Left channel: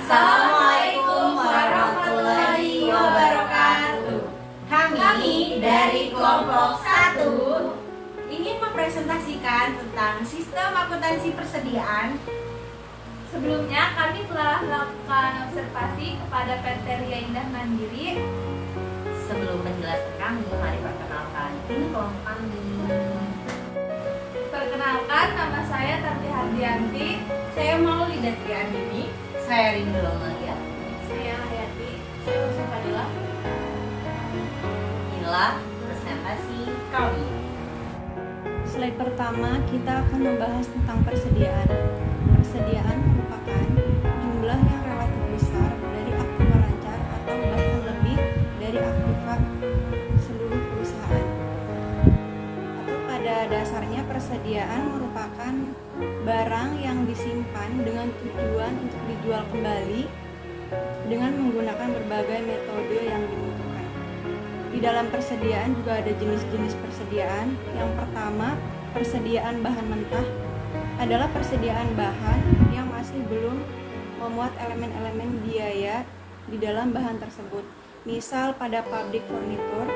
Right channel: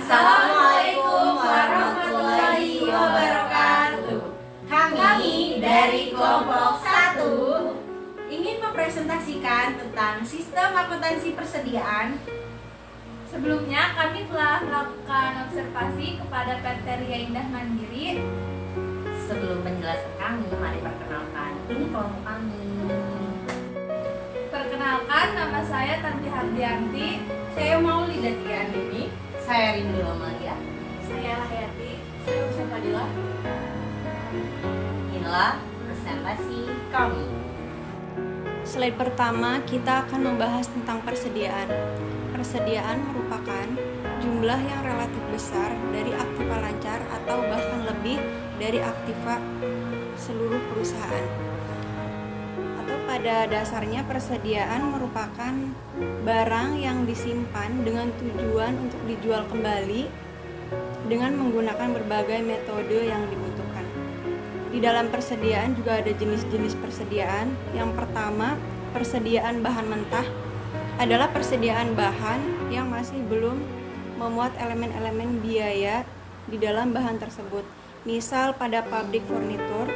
Assalamualaikum warahmatullahi wabarakatuh. Kami dari kelompok 1 ingin mempresentasikan tentang sistem akuntansi persediaan. Sebelumnya kami telah melakukan observasi kepada PT Ria Indah Mandiri. Sebelum penjelasan kami, mari perkenalkan. Ini kelompok kami. Perkenalkan, nama saya Tanti Hardianti. Saya Maulida Triandini. Saya Rindu Amalia. Saya Hayati. Saya Usa Fadila. Inilah presentasi kami. Slide pertama, kita akan membahas tentang persediaan. Persediaan merupakan jumlah yang relatif besar dari aktiva lancar atau bahkan lebih dari aktiva seluruh perusahaan. Atau pada dasarnya persediaan merupakan barang yang disimpan dengan tujuan untuk dijual kembali dengan menggunakan berbagai metode yang dibutuhkan. Di dalam persediaan juga ada jenis-jenis persediaan. Yang pertama, persediaan bahan mentah adalah persediaan bahan yang masih belum memuat elemen-elemen biaya di dalam bahan tersebut. Misal pada pabrik furnitur,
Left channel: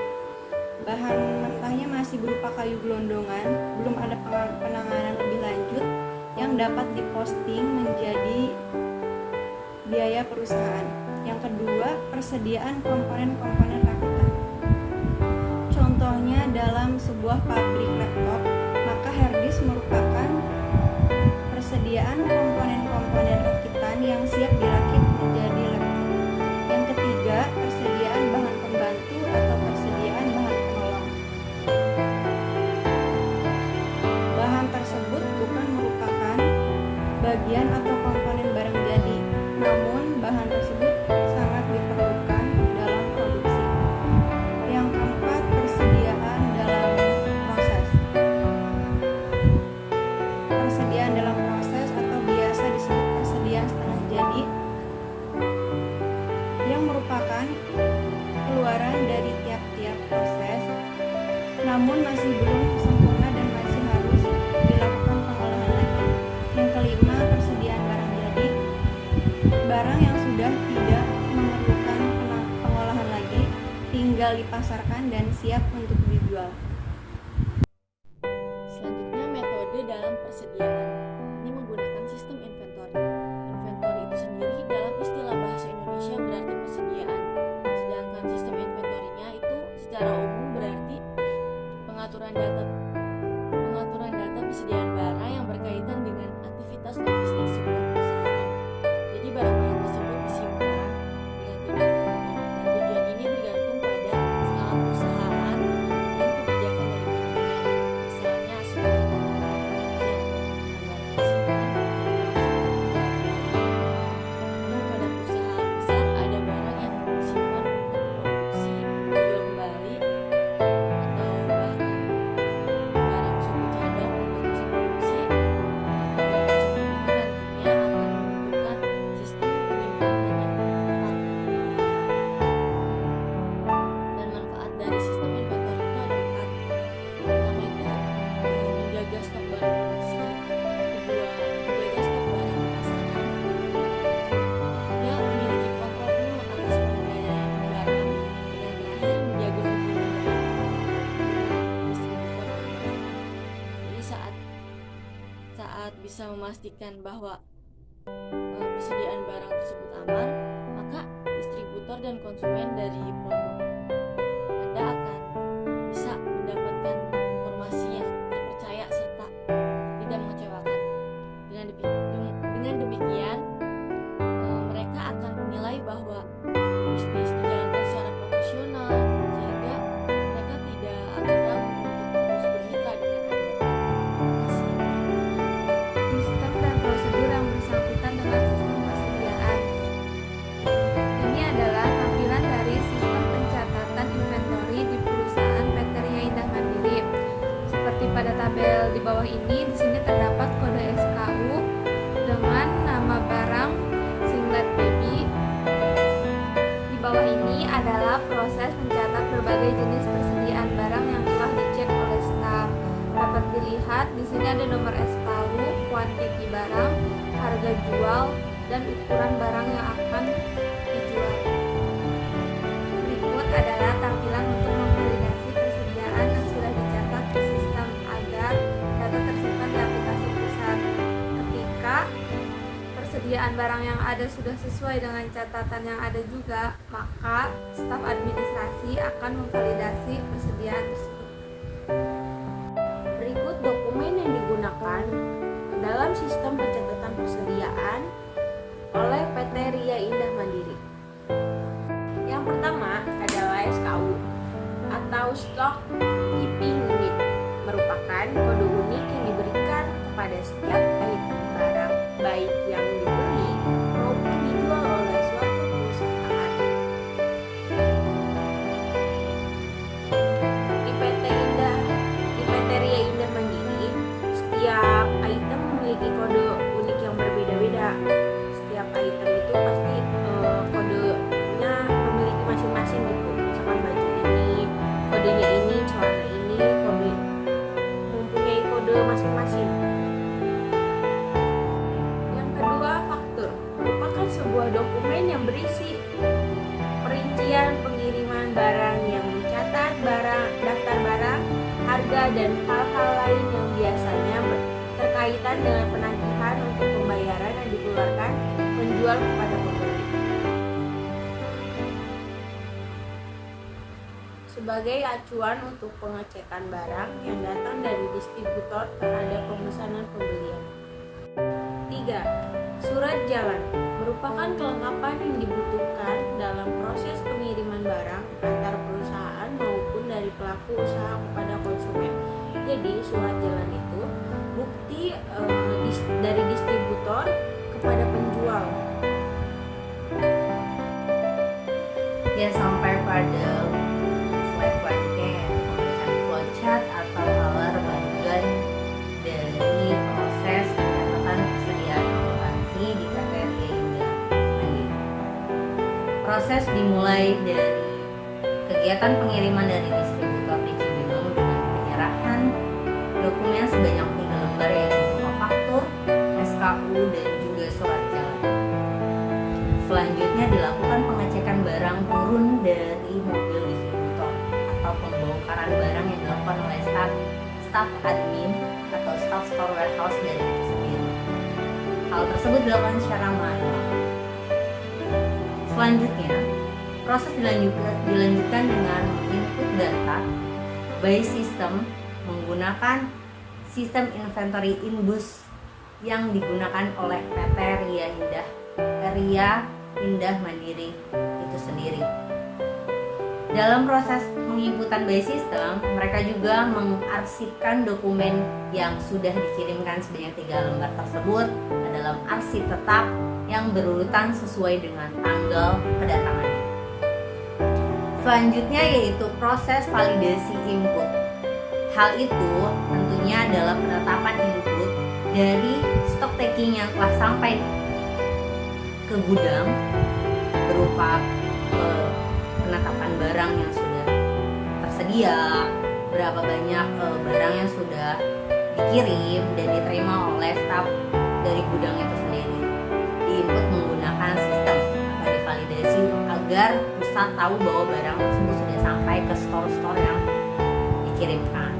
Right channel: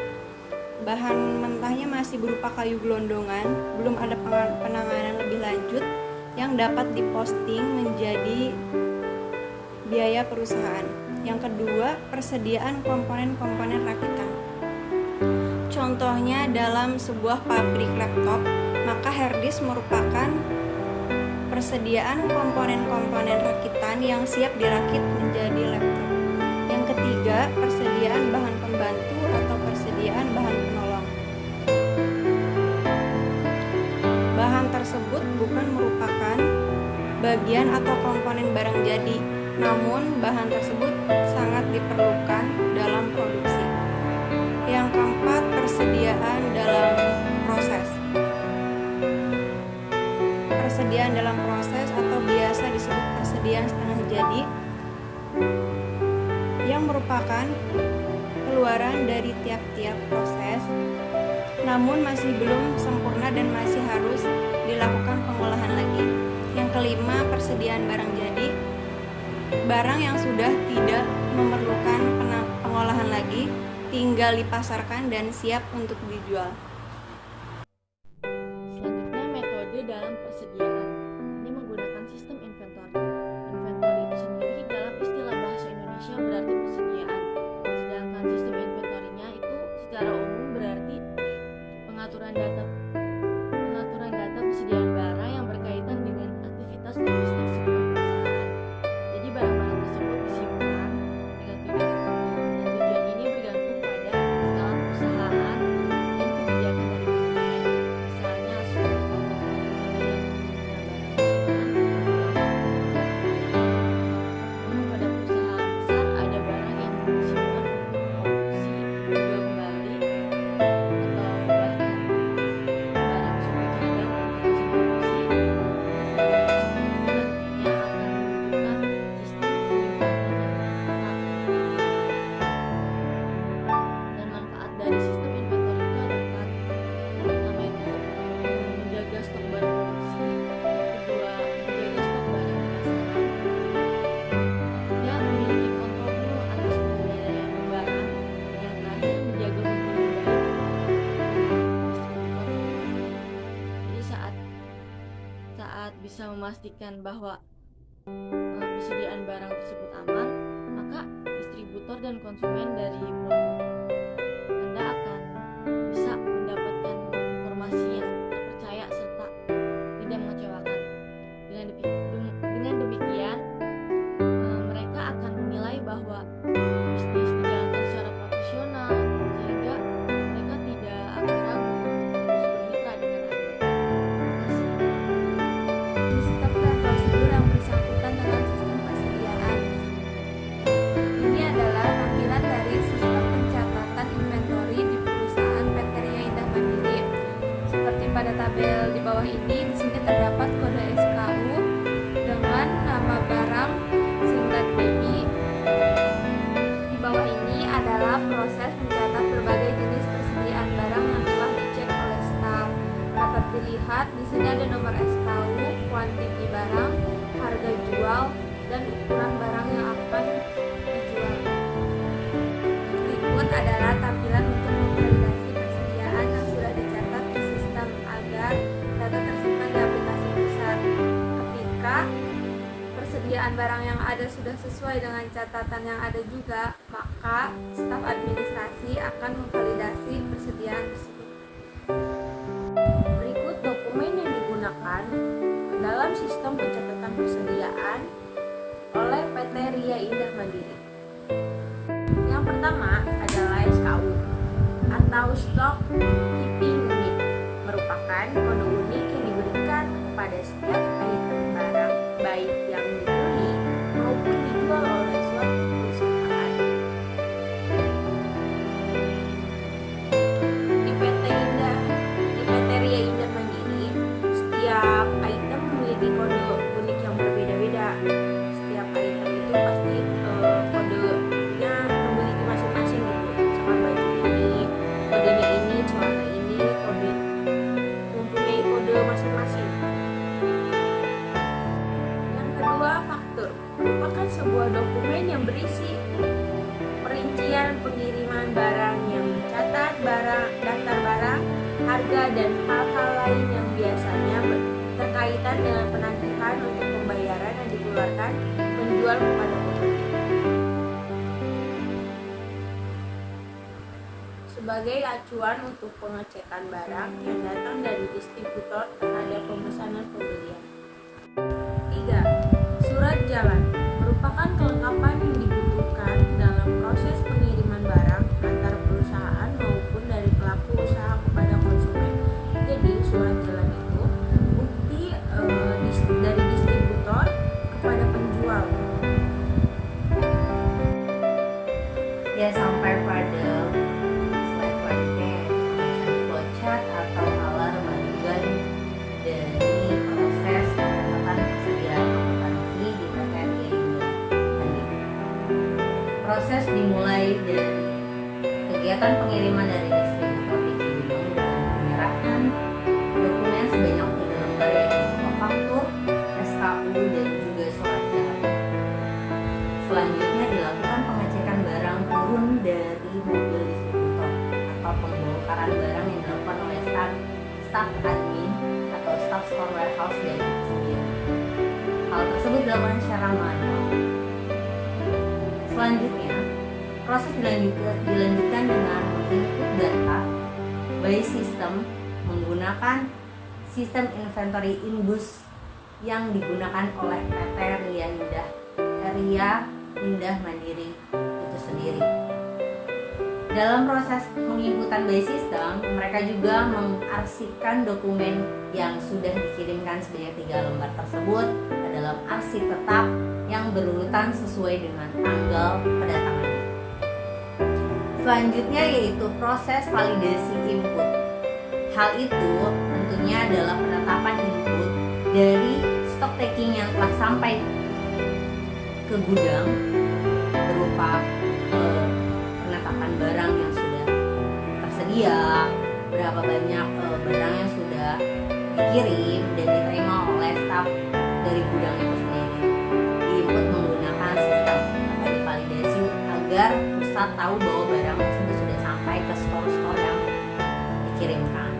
bahan mentahnya masih berupa kayu gelondongan, belum ada penanganan lebih lanjut yang dapat diposting menjadi biaya perusahaan. Yang kedua, persediaan komponen-komponen rakitan. Contohnya dalam sebuah pabrik laptop, maka harddisk merupakan persediaan komponen-komponen rakitan yang siap dirakit menjadi laptop. Yang ketiga, persediaan bahan pembantu atau persediaan bahan penolong. Bahan tersebut bukan merupakan bagian atau komponen barang jadi, namun bahan tersebut sangat diperlukan dalam produksi. Yang keempat, persediaan dalam proses. Persediaan dalam proses atau biasa disebut persediaan setengah jadi, yang merupakan keluaran dari tiap-tiap proses, namun masih belum sempurna dan masih harus dilakukan pengolahan lagi. Yang kelima, persediaan barang jadi, barang yang sudah tidak memerlukan pengolahan lagi, tinggal dipasarkan dan siap untuk dijual. Selanjutnya, metode dalam persediaan. Ini menggunakan sistem inventory. Inventory itu sendiri dalam istilah bahasa Indonesia berarti persediaan. Sedangkan sistem inventory-nya itu secara umum berarti pengaturan data persediaan barang yang berkaitan dengan aktivitas logistik sebuah perusahaan. Jadi barang-barang tersebut disimpan dengan tujuan tertentu, dan tujuan ini bergantung pada skala perusahaan dan kebijakan dari manajemen. Misalnya sebuah toko kecil, barang disimpan namun pada perusahaan besar ada barang yang disimpan untuk produksi dijual kembali, atau bahkan barang suku cadang untuk mesin produksi. Nantinya akan membutuhkan sistem penyimpanan yang tepat. Dan manfaat dari sistem inventory itu ada 4. Pertama itu menjaga stok barang produksi, kedua menjaga stok barang di pasaran, ketiga memiliki kontrol penuh atas pengendalian barang, dan yang terakhir menjaga hubungan baik dengan distributor dan konsumen. Jadi saat bisa memastikan bahwa persediaan barang tersebut aman, maka distributor dan konsumen dari produk Anda akan bisa mendapatkan informasi yang terpercaya serta tidak mengecewakan. Dengan demikian, mereka akan menilai bahwa bisnis dijalankan secara profesional, sehingga mereka tidak akan ragu untuk terus bermitra dengan Anda. Terima kasih. Sistem dan prosedur yang bersangkutan dengan sistem persediaan. Ini adalah tampilan dari sistem pencatatan inventory di perusahaan PT Ria Indah Mandiri. Seperti pada tabel di bawah ini, di sini terdapat kode SKU dengan nama barang singlet baby. Di bawah ini adalah proses mencatat berbagai jenis persediaan barang yang telah dicek oleh staf. Dapat dilihat di sini ada nomor SKU, kuantiti barang, harga jual, dan ukuran barang yang akan dijual. Berikut adalah tampilan untuk memvalidasi persediaan yang sudah dicatat di sistem agar data tersimpan di aplikasi pusat. Ketika persediaan barang yang ada sudah sesuai dengan catatan yang ada juga, maka staf administrasi akan memvalidasi persediaan tersebut. Berikut dokumen yang digunakan dalam sistem pencatatan persediaan oleh PT Ria Indah Mandiri. Yang pertama adalah SKU atau Stock Keeping Unit, merupakan kode unik yang diberikan kepada setiap item barang baik yang dibeli maupun dijual oleh suatu perusahaan. Di PT Ria Indah Mandiri, setiap item memiliki kode unik yang berbeda-beda. Setiap item itu pasti kodenya memiliki masing-masing gitu. Misalkan baju ini, kodenya ini, celana ini, kode mempunyai kode masing-masing. Yang kedua, faktur merupakan sebuah dokumen yang berisi perincian pengiriman barang yang mencatat daftar barang, harga, dan hal-hal lain yang biasanya berkaitan dengan penagihan untuk pembayaran yang dikeluarkan penjual kepada pembeli. Sebagai acuan untuk pengecekan barang yang datang dari distributor terhadap pemesanan pembelian. 3. Surat jalan merupakan kelengkapan yang dibutuhkan dalam proses pengiriman barang antar perusahaan maupun dari pelaku usaha kepada konsumen. Jadi surat jalan itu bukti dari distributor kepada penjual. Ya, sampai pada slide selanjutnya ya, pemeriksaan flowchart atau alarm bagian dari proses pencatatan persediaan akuntansi di PT Ria Indah Mandiri. Proses dimulai dari kegiatan pengiriman dari distributor di Cibinong dengan penyerahan dokumen sebanyak 3 lembar yaitu faktur, SKU, dan juga surat jalan. Selanjutnya dilakukan pengecekan barang turun dari mobil distributor atau pembongkaran barang yang dilakukan oleh staf admin atau staf store warehouse dari itu sendiri. Hal tersebut dilakukan secara manual. Selanjutnya, proses dilanjutkan dengan menginput data by system menggunakan sistem inventory inbus yang digunakan oleh PT Ria Indah Mandiri itu sendiri. Dalam proses penginputan by system, mereka juga mengarsipkan dokumen yang sudah dikirimkan sebanyak 3 lembar tersebut ke dalam arsip tetap yang berurutan sesuai dengan tanggal kedatangannya. Selanjutnya yaitu proses validasi input. Hal itu tentunya adalah penetapan input dari stock taking yang telah sampai ke gudang berupa penetapan barang yang sudah tersedia, berapa banyak barang yang sudah dikirim dan diterima oleh staf dari gudang itu sendiri. Diinput menggunakan sistem atau divalidasi agar pusat tahu bahwa barang tersebut sudah sampai ke store-store yang dikirimkan.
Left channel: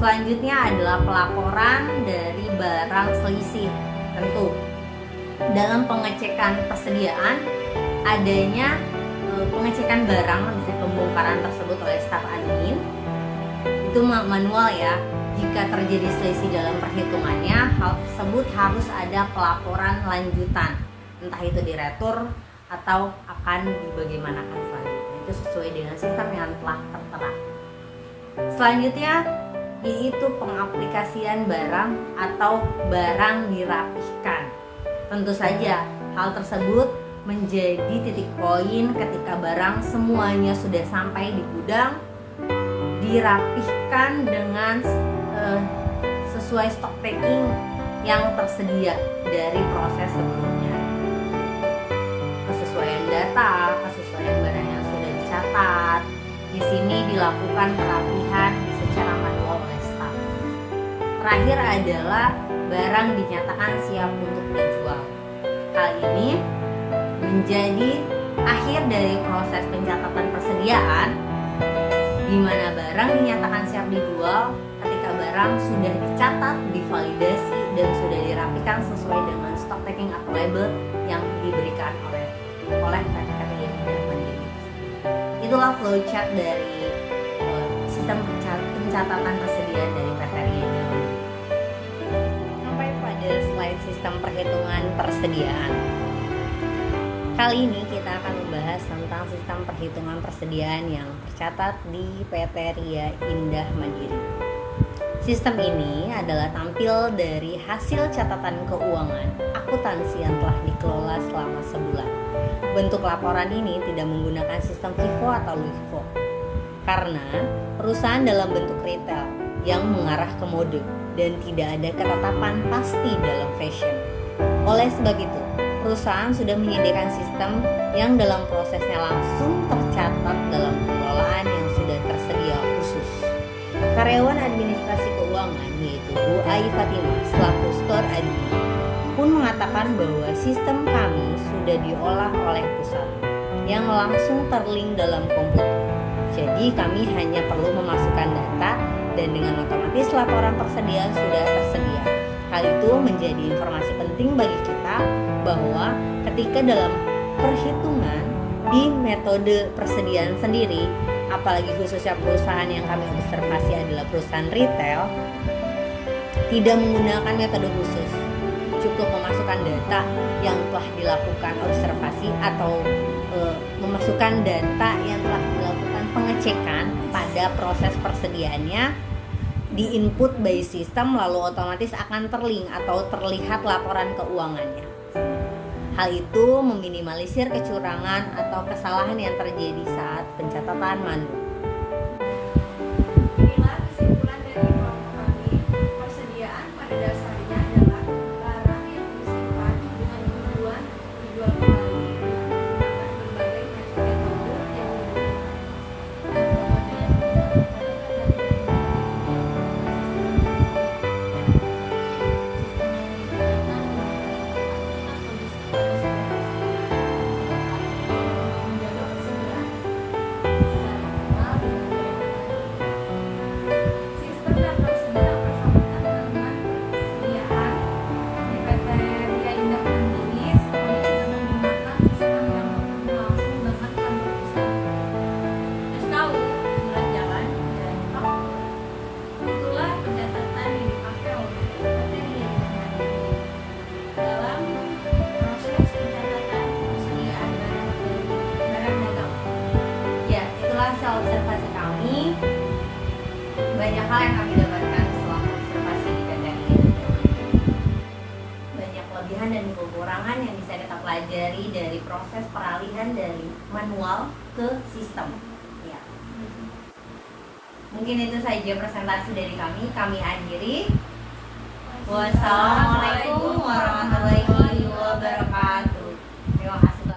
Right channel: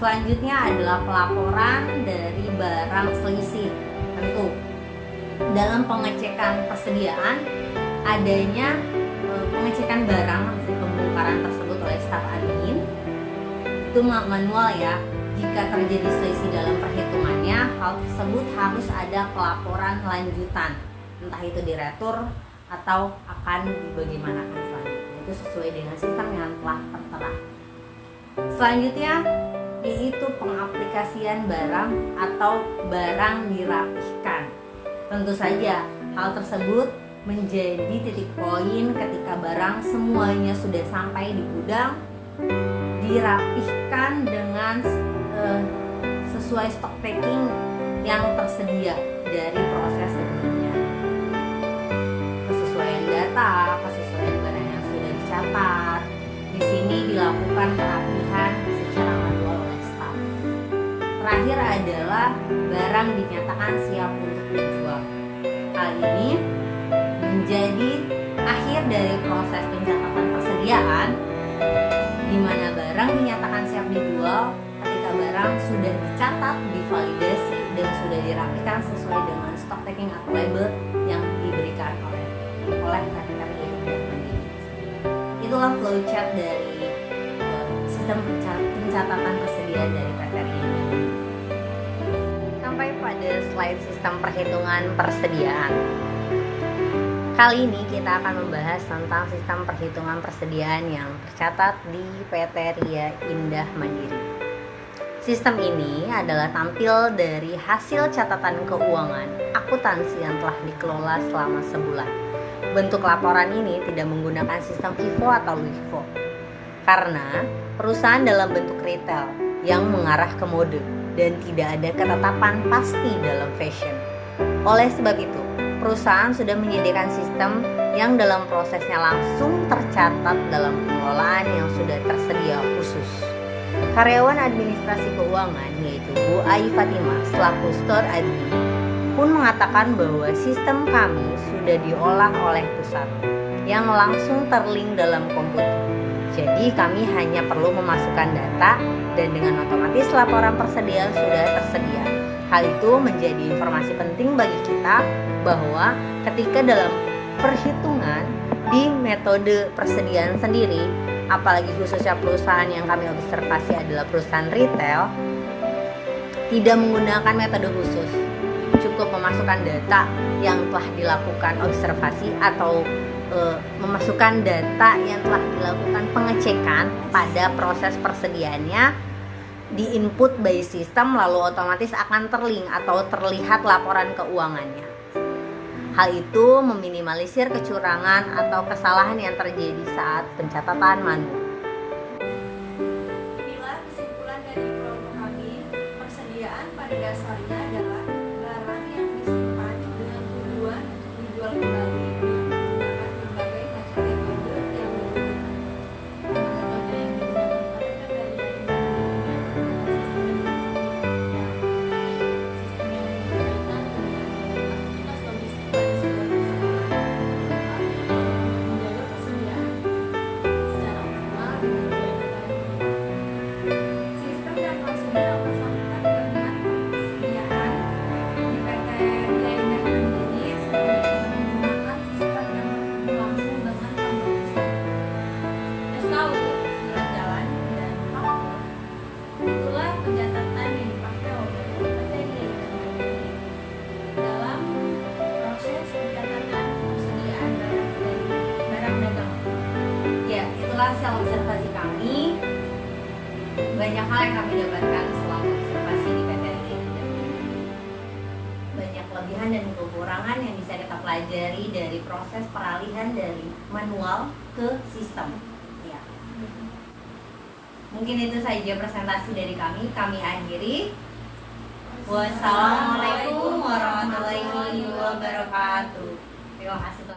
Selanjutnya adalah pelaporan dari barang selisih. Tentu dalam pengecekan persediaan adanya pengecekan barang dari pembongkaran tersebut oleh staf admin itu manual ya. Jika terjadi selisih dalam perhitungannya, hal tersebut harus ada pelaporan lanjutan, entah itu diretur atau akan dibagaimanakan selanjutnya. Itu sesuai dengan sistem yang telah tertera. Selanjutnya yaitu pengaplikasian barang atau barang dirapihkan. Tentu saja hal tersebut menjadi titik poin ketika barang semuanya sudah sampai di gudang, dirapihkan dengan sesuai stock taking yang tersedia dari proses sebelumnya. Kesesuaian data, kesesuaian barang yang sudah dicatat, di sini dilakukan perapihan secara manual oleh staf. Terakhir adalah barang dinyatakan siap untuk dijual. Hal ini menjadi akhir dari proses pencatatan persediaan, di mana barang dinyatakan siap dijual ketika barang sudah dicatat, divalidasi, dan sudah dirapikan sesuai dengan stock taking atau label yang diberikan oleh PT Ria Indah Mandiri. Itulah flowchart dari sistem pencatatan persediaan dari PT Ria Indah Mandiri. Sampai pada slide sistem perhitungan persediaan. Kali ini kita akan membahas tentang sistem perhitungan persediaan yang tercatat di PT Ria Indah Mandiri. Sistem ini adalah tampil dari hasil catatan keuangan akuntansi yang telah dikelola selama sebulan. Bentuk laporan ini tidak menggunakan sistem FIFO atau LIFO karena perusahaan dalam bentuk retail yang mengarah ke mode dan tidak ada ketetapan pasti dalam fashion. Oleh sebab itu, perusahaan sudah menyediakan sistem yang dalam prosesnya langsung tercatat dalam pengelolaan yang sudah tersedia khusus. Karyawan administrasi keuangan yaitu Bu Ai Fatimah selaku store admin pun mengatakan bahwa sistem kami sudah diolah oleh pusat yang langsung terlink dalam komputer. Jadi kami hanya perlu memasukkan data dan dengan otomatis laporan persediaan sudah tersedia. Hal itu menjadi informasi penting bagi kita bahwa ketika dalam perhitungan di metode persediaan sendiri, apalagi khususnya perusahaan yang kami observasi adalah perusahaan retail, tidak menggunakan metode khusus. Cukup memasukkan data yang telah dilakukan observasi atau memasukkan data yang telah dilakukan pengecekan pada proses persediaannya, di input by sistem lalu otomatis akan terlink atau terlihat laporan keuangannya. Hal itu meminimalisir kecurangan atau kesalahan yang terjadi saat pencatatan manual. Inilah kesimpulan dari kelompok kami. Persediaan pada dasarnya adalah barang yang disimpan dengan tujuan dijual kembali dengan menggunakan berbagai macam metode yang digunakan. Metode yang digunakan Sistem dan prosedur yang bersangkutan dengan persediaan di PT Ria Indah Mandiri semuanya dengan menggunakan sistem yang berlangsung dengan kantor pusat. SKU, surat jalan, dan faktur. Itulah pencatatan yang dipakai oleh PT Ria Indah Mandiri dalam proses pencatatan persediaan barang dagang. Ya, itulah hasil observasi kami. Banyak hal yang kami dapatkan selama observasi di PT Ria Indah Mandiri. Banyak kelebihan dan kekurangan yang bisa kita pelajari dari proses peralihan dari manual ke sistem. Ya. Mungkin itu saja presentasi dari kami. Kami akhiri. Wassalamualaikum warahmatullahi